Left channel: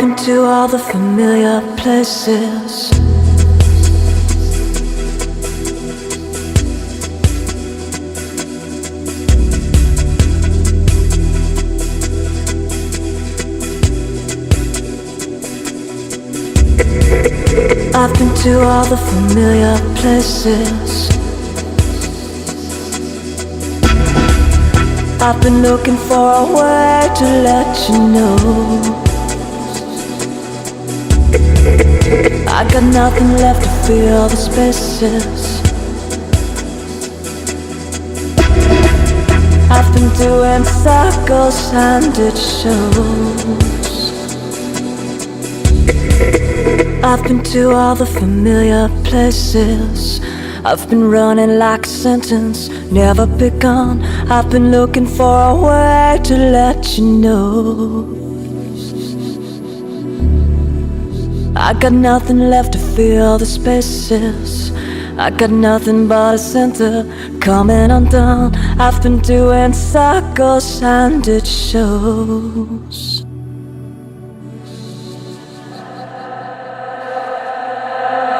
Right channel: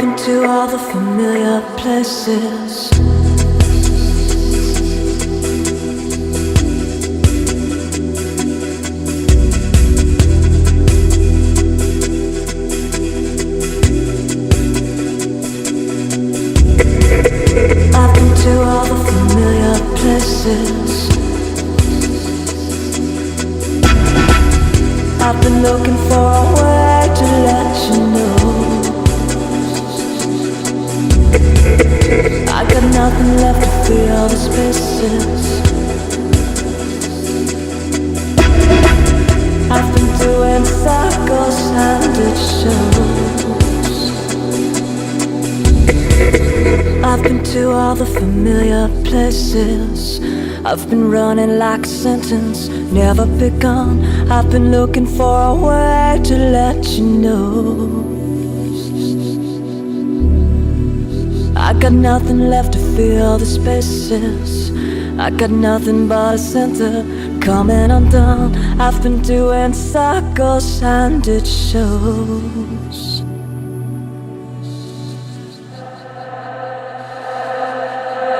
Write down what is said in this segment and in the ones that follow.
been to all the familiar places. I've been to all the familiar places. I've been looking for a way to let you know I got nothing left to fill the spaces. I've been doing circles and it shows. I've been to all the familiar places. I've been running like a sentence never begun. I've been looking for a way to let you know I got nothing left to fill the spaces. I got nothing but a center coming undone. I've been doing circles and it shows.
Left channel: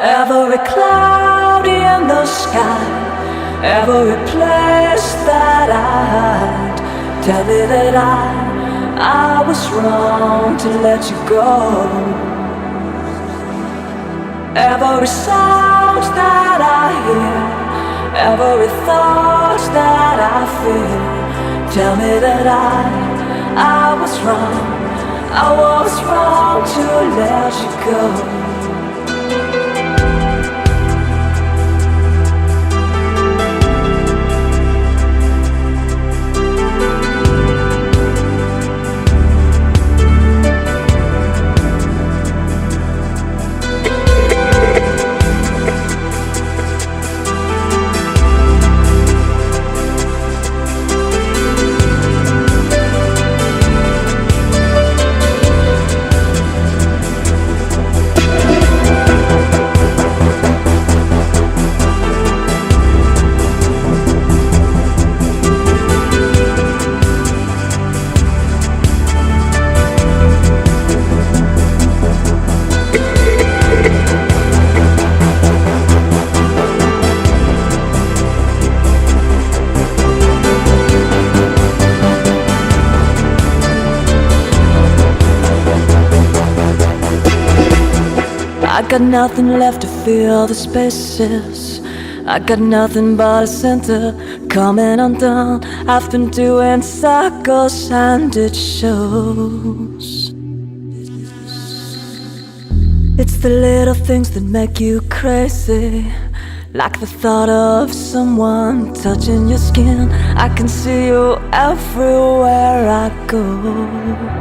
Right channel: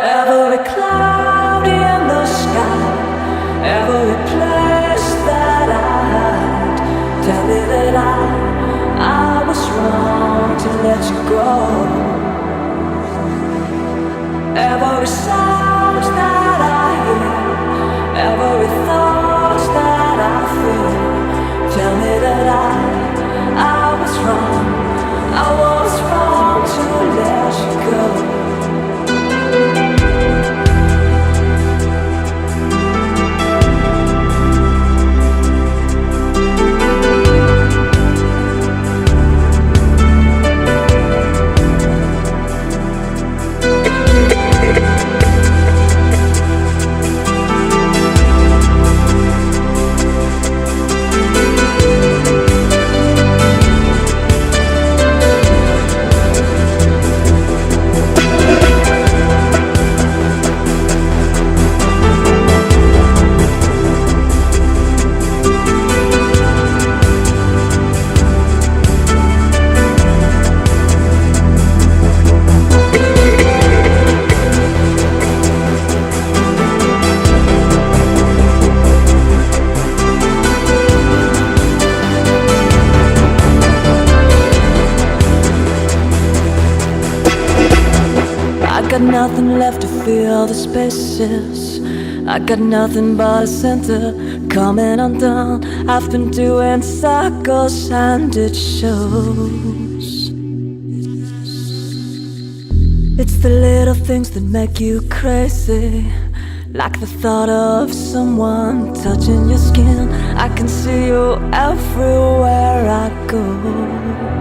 Every cloud in the sky, every place that I hide, tell me that I was wrong to let you go. Every sound that I hear, every thought that I feel, tell me that I was wrong. I was wrong to let you go. I got nothing left to fill the spaces. I got nothing but a center coming undone. I've been doing circles and it shows. It's the little things that make you crazy, like the thought of someone touching your skin. I can see you everywhere I go.